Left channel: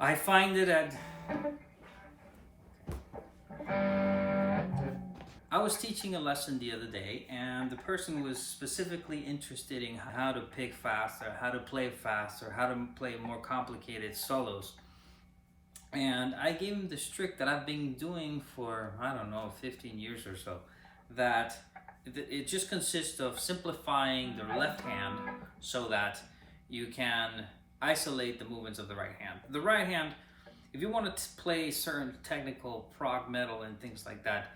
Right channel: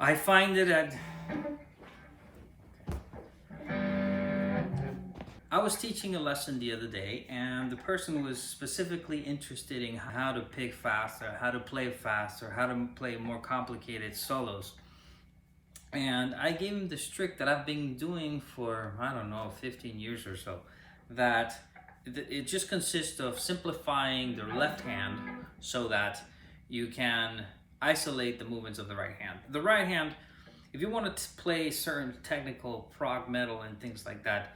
I find it at... I was teaching a lesson the other day, and the person was specifically interested in how to pick faster, how to play faster, how to play more complicated solos. And I gave him this trick that I've been doing for, I don't know, 15 years or so. That it just consists of simplifying the left hand so that you can isolate the movements of the right hand. The right hand, if you want to play certain technical prog metal and things like that,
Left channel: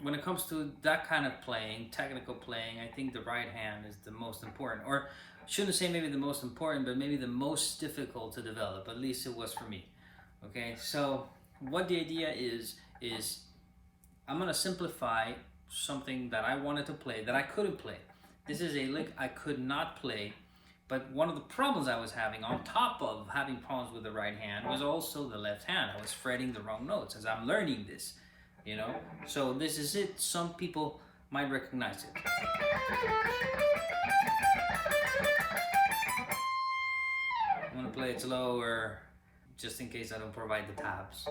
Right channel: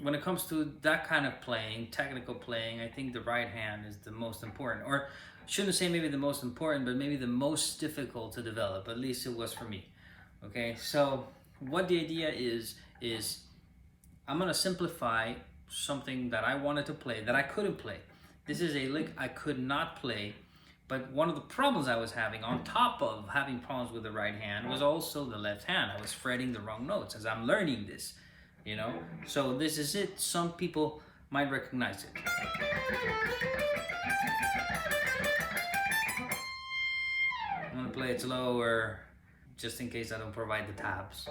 when it comes to that kind of playing, technical playing, I think the right hand is the most important. Or shouldn't say maybe the most important, but maybe the most difficult to develop. At least it was for me. Okay, so what the idea is I'm gonna simplify something that I wanted to play that I couldn't play. This is a lick I could not play, but one of the problems I was having, on top of having problems with the right hand, was also the left hand. I was fretting the wrong notes as I'm learning this, you know? So this is it. Some people might recognize it. I'm gonna play it slower, just in case I don't provide the tabs.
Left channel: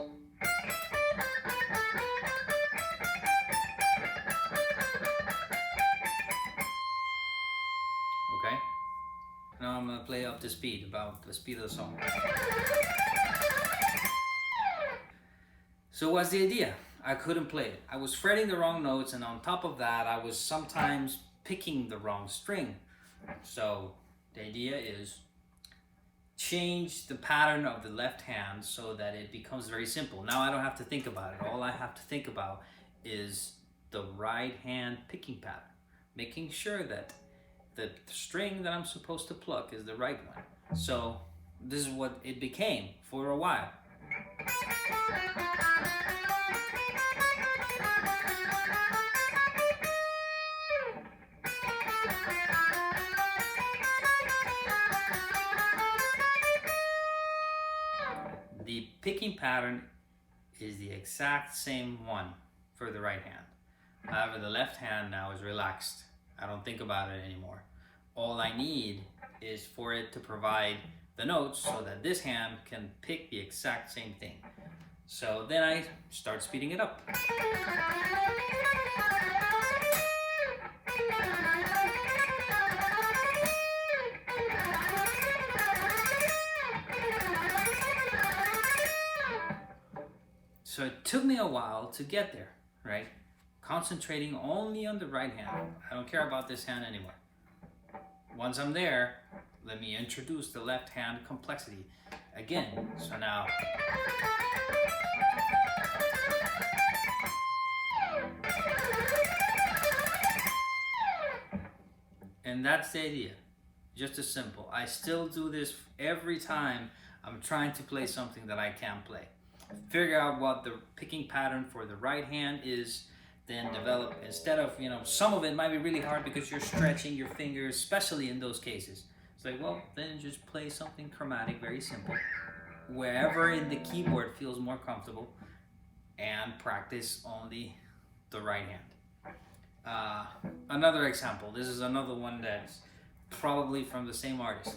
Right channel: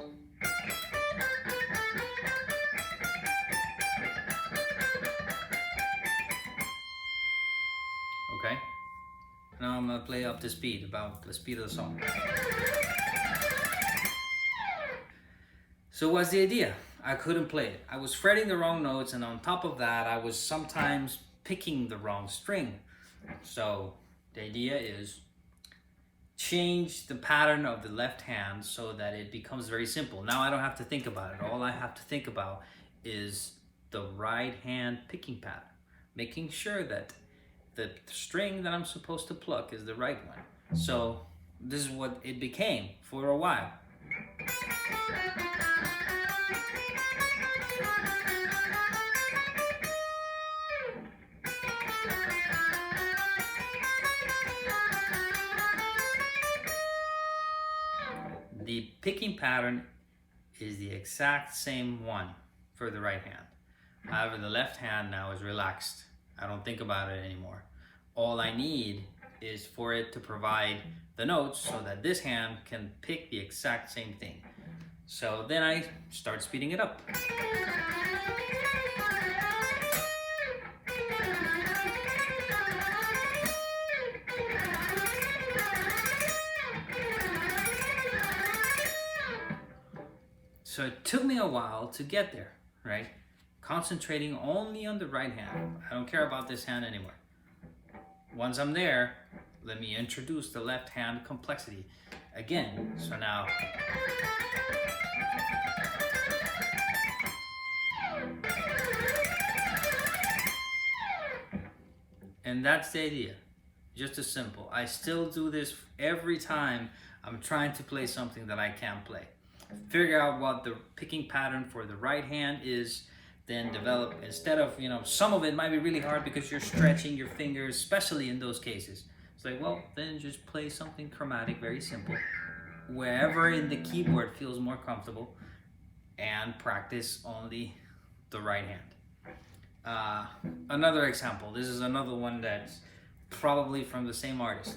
Okay? Now I'm gonna play up to speed, about the speed of the song. So what's the idea? I couldn't play it. I was fretting the wrong notes, and on top of that, I was sometimes picking the wrong string. So the idea is change the pattern of the left hand so that it becomes very simple. Now I don't have to think about it. All I have to think about is the right hand picking pattern, making sure that the string that I'm supposed to pluck is the right one. So this is what it became for a while. The picking pattern is the exact same one for the right hand. However, the left hand now is relaxed. I don't think about it anymore. All I need is for it to provide the notes so that this hand can pick the exact same thing. So then I start speeding it up. So it took me a while to get there, right? Concentrating only on the right hand. I don't care about this hand anymore. Once I'm there, let me introduce the left hand complexity again. So now, and that's the idea. Just as simple. I still do this every time I'm trying to play something that I can't play. Figure out what the picking pattern for the right hand is, then develop, instead of, some of it might be really hard because you're stretching your fingers, especially in those cases. It's like, well, then just play something chromatic, very simple, wherever in the keyboard feels more comfortable, and practice only the right hand. Another example, this is another one that's probably from the same artist.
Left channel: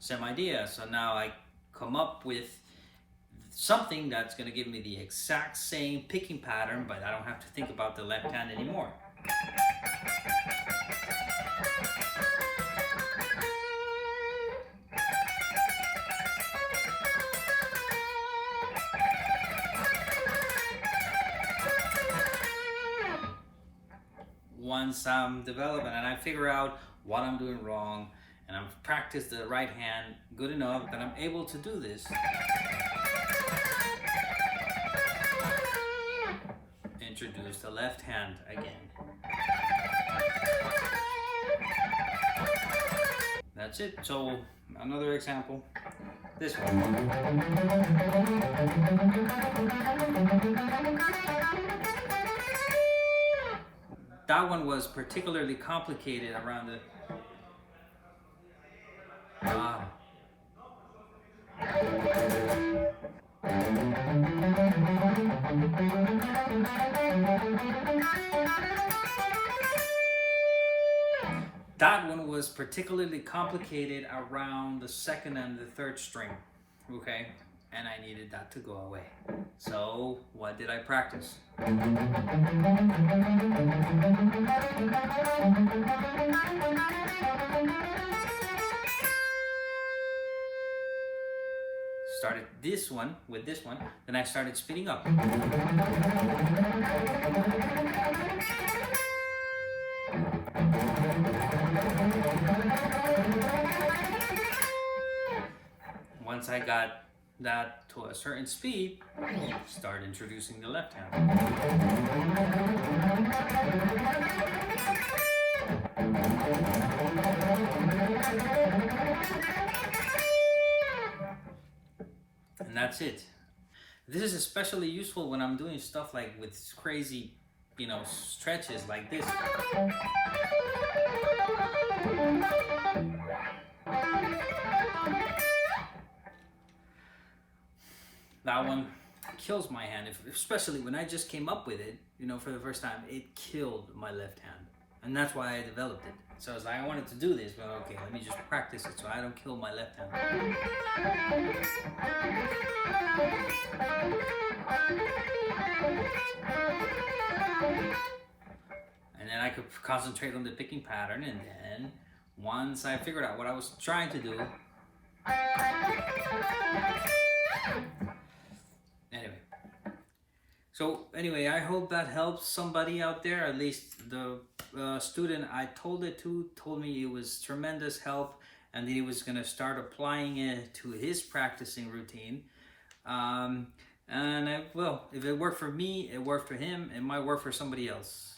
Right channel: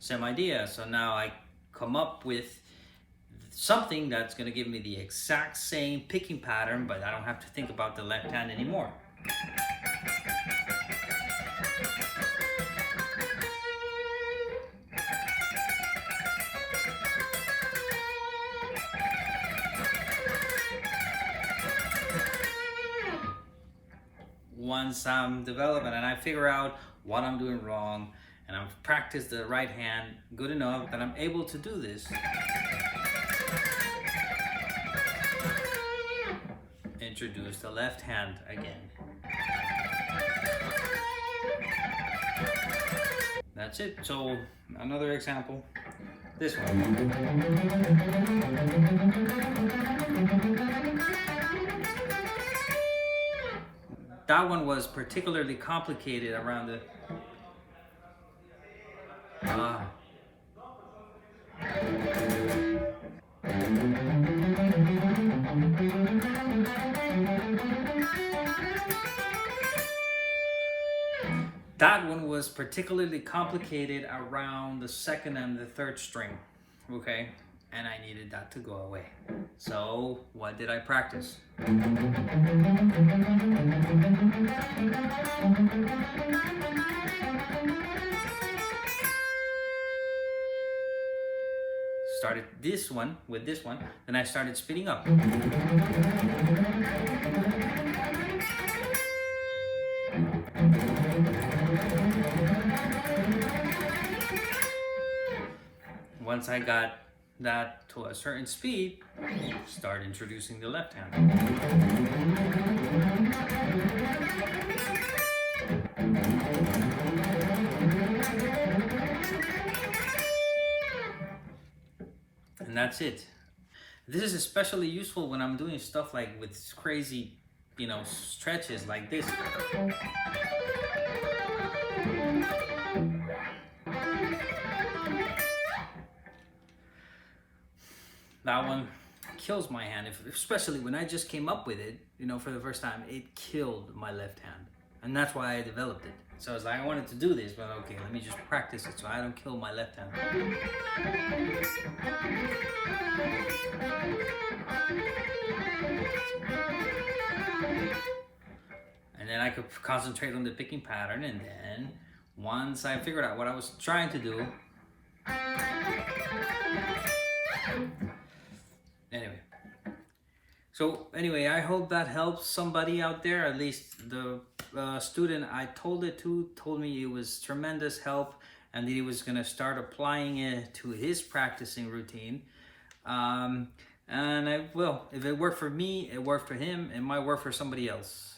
Same idea. So now I come up with something that's going to give me the exact same picking pattern, but I don't have to think about the left hand anymore. Once I'm developing and I figure out what I'm doing wrong, and I've practiced the right hand good enough that I'm able to do this, introduce the left hand again. That's it. So another example, this one. That one was particularly complicated around the That one was particularly complicated around the second and the third string, okay? And I needed that to go away. So what did I practice? Started this one with this one, then I started speeding up. Once I got that to a certain speed, start introducing the left hand. And that's it. This is especially useful when I'm doing stuff like with crazy, stretches like this. That one kills my hand, especially when I just came up with it, for the first time. It killed my left hand, and that's why I developed it. So I was like, I wanted to do this, but okay, let me just practice it so I don't kill my left hand. And then I could concentrate on the picking pattern, and then once I figured out what I was trying to do, Anyway, I hope that helps somebody out there. At least the student I told it to told me it was tremendous help, and that he was going to start applying it to his practicing routine. And if it worked for me, it worked for him. It might work for somebody else.